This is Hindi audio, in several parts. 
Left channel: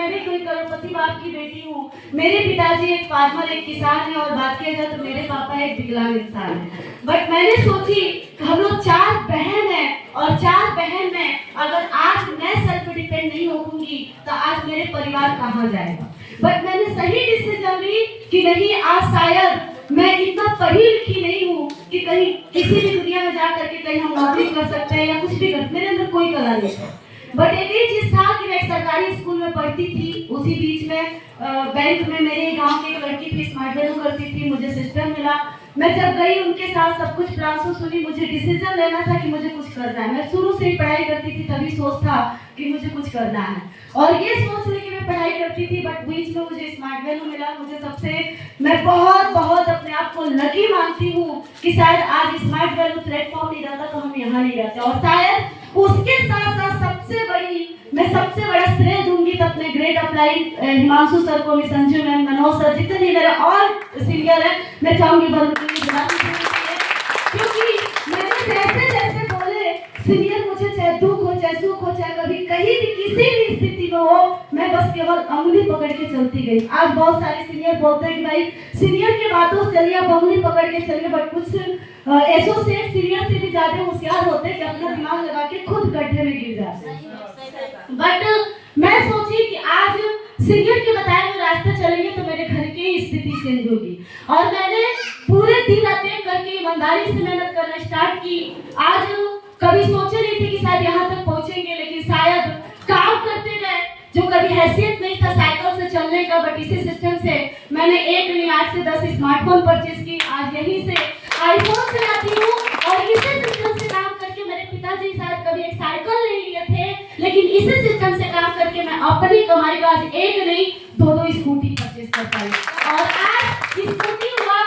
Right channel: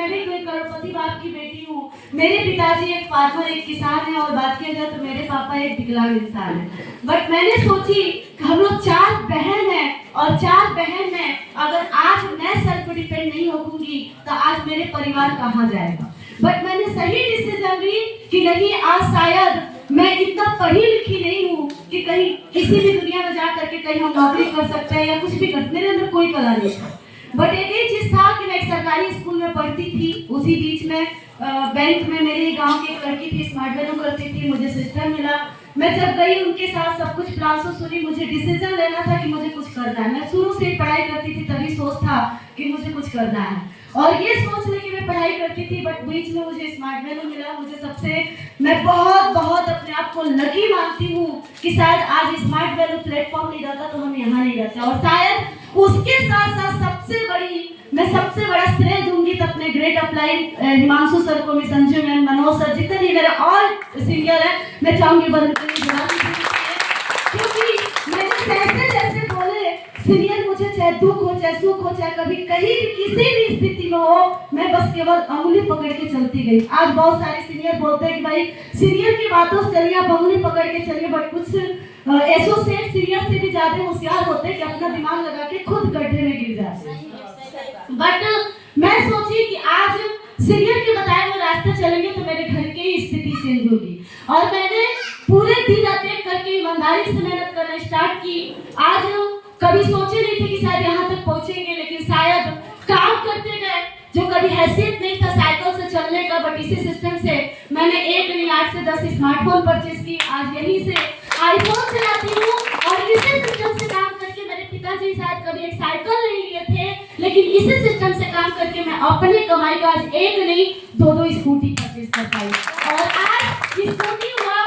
मैं भी कोई करोड़पति बाप की बेटी हूँ। मेरे पिताजी एक फार्मर, एक किसान है, और बात किया जाए तो मेरे पापा एक विकलांग इंसान है। बट मैंने सोची कि हम लोग 4 बहन हैं, और 4 बहन में अगर आज मैं सेल्फ डिपेंड नहीं होऊंगी तो आज मेरे परिवार कहाँ जाएगा। बट मैंने सही डिसीजन ली कि नहीं, आज शायद मैं इतना पढ़ी लिखी नहीं हूँ कि कहीं किसी भी दुनिया में जा करके कहीं हम नौकरी कर सकते हैं या कुछ भी कर, मेरे अंदर कोई कला नहीं है। बट एक ही चीज था कि मैं एक सरकारी स्कूल में पढ़ती थी, उसी बीच में बैंक में मेरे गांव की एक लड़की थी, स्मार्ट वैल्यू करती थी, मुझे सिस्टम मिला। मैं जब गई उनके साथ सब कुछ प्लान सुनी, मुझे डिसीजन लेना था कि मुझे कुछ करना है। मैं शुरू से ही पढ़ाई करती थी, तभी सोच था कि मुझे कुछ करना है, और ये सोच लेके मैं पढ़ाई करती थी। बट बीच में मुझे स्मार्ट वैल्यू मिला। मैं बहुत बहुत अपने आप को लकी मानती हूँ कि शायद आज स्मार्ट वैल्यू प्लेटफॉर्म नहीं रहता तो हम यहाँ नहीं रहते। और शायद उसके साथ साथ मैं सबसे बड़ा श्रेय दूंगी तो अपने ग्रेड अप्लाइड हिमांशु सर को, संजू मैम, मनोज सर, जितने भी मेरे और सीनियर हैं, मैं चाहूंगी क्योंकि मैंने जैसे बोले सीनियर, मुझे चाहे दुख हो चाहे सुख हो चाहे कभी कहीं भी किसी भी स्थिति में हो, मैं बस केवल अंगुली पकड़ के चलती गई। आज बहुत सारे सीनियर बोलते हैं कि भाई सीनियर की बातों से चलिए, आप अंगुली पकड़ के चलिए, बट कुछ एसोसिएट सीनियर से भी ज्यादा होशियार होते हैं कि अपना दिमाग लगा के खुद गड्ढे में गिर जाते हैं। बट मैं सोची कि आज सीनियर के बताए हुए रास्ते चलेंगे तो मेरे घर की स्थिति चेंज होगी, और मैंने पूरे दिन रात एक करके ईमानदारी से मेहनत करना स्टार्ट की। आज कभी सोचे नहीं थे कि शायद यहाँ तक पहुंचेंगे, लेकिन शायद काम करते गए, जो कभी हैसियत नहीं था साइकिल से चलने का, बट इसी सिस्टम से मैंने 1 नहीं 8 से 10 स्मार्टफोन परचेज की। आज यहीं से आईफोन चलाती हूँ, और इसी सिस्टम से काम करके मेरे पिताजी शायद कभी एक साइकिल नहीं लिए थे, लेकिन इसी सिस्टम से काम करके मैं अपनी कमाई का आज 1 नहीं 2 स्कूटी परचेज कर पाई। और आज स्कूटी हुआ,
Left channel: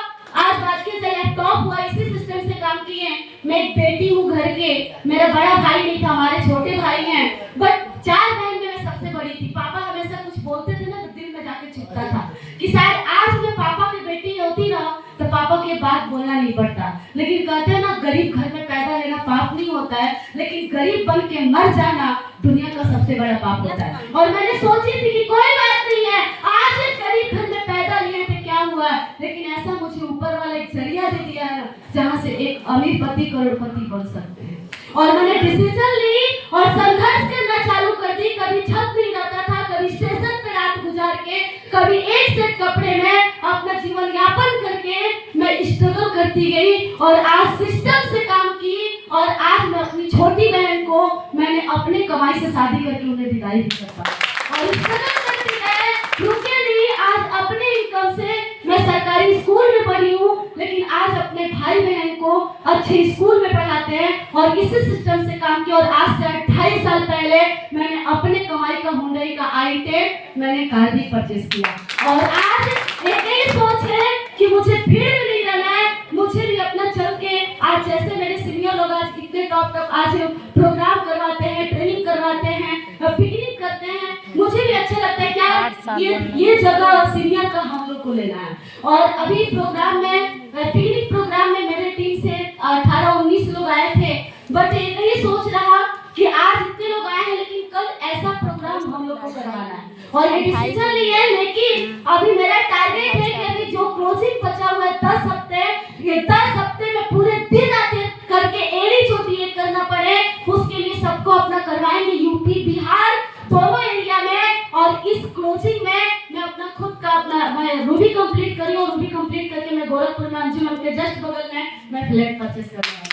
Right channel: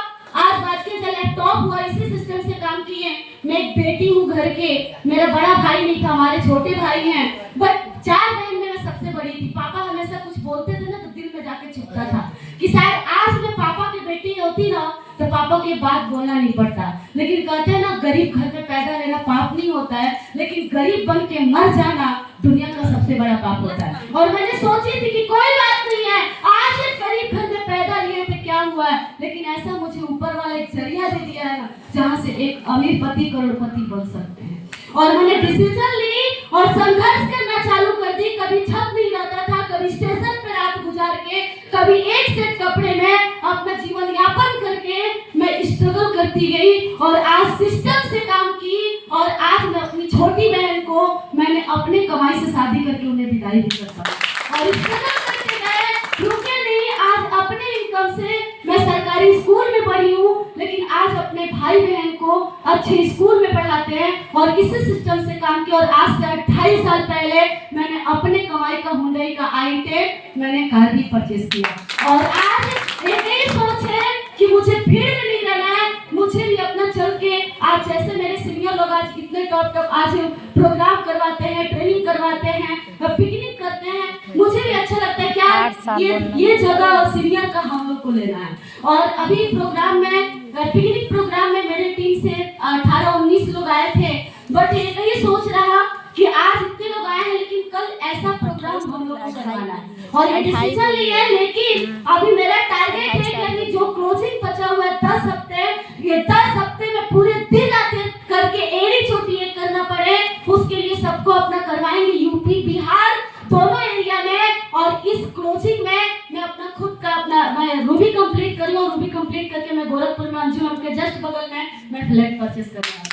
आज बात के लैपटॉप हुआ, इसी सिस्टम से काम किए। मैं एक बेटी हूँ घर के, मेरा बड़ा भाई नहीं था, हमारे छोटे भाई हैं, बट 4 बहन में मैं सबसे बड़ी थी। पापा हमेशा कुछ बोलते थे ना तो दिल में जाके चुभता था कि शायद आज मैं पापा की बेटी होती ना तो पापा की बात बोलना नहीं पड़ता। लेकिन कहते हैं ना, गरीब घर में पैदा लेना पाप नहीं होता है, लेकिन गरीब बन के मर जाना दुनिया का सबसे बड़ा पाप होता है। और मैंने सोची थी कि कोई बात नहीं है, आज एक गरीब घर में पैदा लिए थे, क्या हुआ, लेकिन ऐसा मुझे ऊपर वाला एक जरिया दे दिया है ना, जहाँ से एक अमीर पति करोड़पति बन सकते हैं। और मैंने डिसीजन ली और संघर्ष करना चालू कर दी। कभी छत नहीं रहता था, कभी स्टेशन पे रात गुजार के, कभी एक सेट कपड़े में अपना जीवन यापन करके मैं स्ट्रगल करती गई, और आज सिस्टम से काम की, और आज मैं अपनी छोटी बहन को मैंने अपने कमाई से शादी करके उन्हें विदाई भी कर पाई। और स्ट्रगल करते गए, रुके नहीं। आज अपने इनकम से मैं सरकारी स्कूल में पढ़ी हूँ, लेकिन आज अपने भाई बहन को अच्छे स्कूल में पढ़ाते हैं, और इसी सिस्टम से काम किया। और आज से 28 साल पहले मैंने अपने कमाई का हुंडई का i10 मैंने कार भी परचेज किया। और आज एक ही सोच है कि मुझे भीड़ में नहीं रहना है, मुझे भी अपना चल के, आज जैसे मेरे सीनियर लोग आज इतने टॉप आज प्रोग्राम करवाते हैं, ट्रेनिंग करवाते हैं, पिकनिक करते हैं, मुझे भी अच्छा लगता है क्या ये जगह सीनियर का हम लोग को लेना है। और अभी प्रोग्राम में, पिकनिक प्रोग्राम में मेरे टीम से 18-19 लोग आए थे, बट यही सोच रहा कि आज इतने लोग आए हैं, लेकिन कल ऐसा प्रोग्राम हम लोग को करवाना है, और ये डिसीजन लिया है। लेकिन अभी मेरा टारगेट है कि अभी जो क्लोजिंग बचा हुआ है 10 हफ्ते, ये 10 हफ्ते में पूरे दिन रात करके एड़ी चोटी एक करना पड़े, उसके लिए सबको अपना करवाएंगे, यूपी बिहार दोनों एरिया में। और इस क्लोजिंग में मैं अपना खुद का मैं रूबी कंप्लीट करी, और रूबी कंप्लीट करके मैं गोरखपुर में अंजुम के जस्ट बगल में मैं फ्लैट परचेस कर रहा हूँ।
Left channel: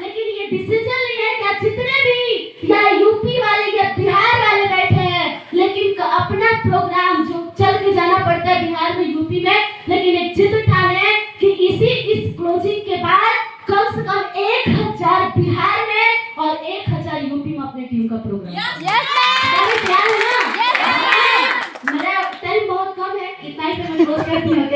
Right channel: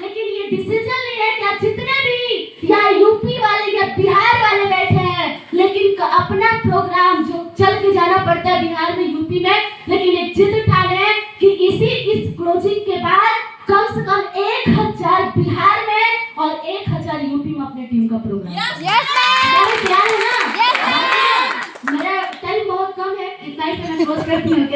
लेकिन ये डिसीजन लिया है कि जितने भी या यूपी वाले या बिहार वाले बैठे हैं, लेकिन अपना प्रोग्राम जो चल के जाना पड़ता है बिहार में, यूपी में, लेकिन एक जिद ठाने हैं कि इस क्लोजिंग के बाद कम से कम 1000 बिहार में और 1000 यूपी में अपने टीम का प्रोग्राम। मेरा टाइम बहुत कम है, इतना ही मैं रोज करती हूँ।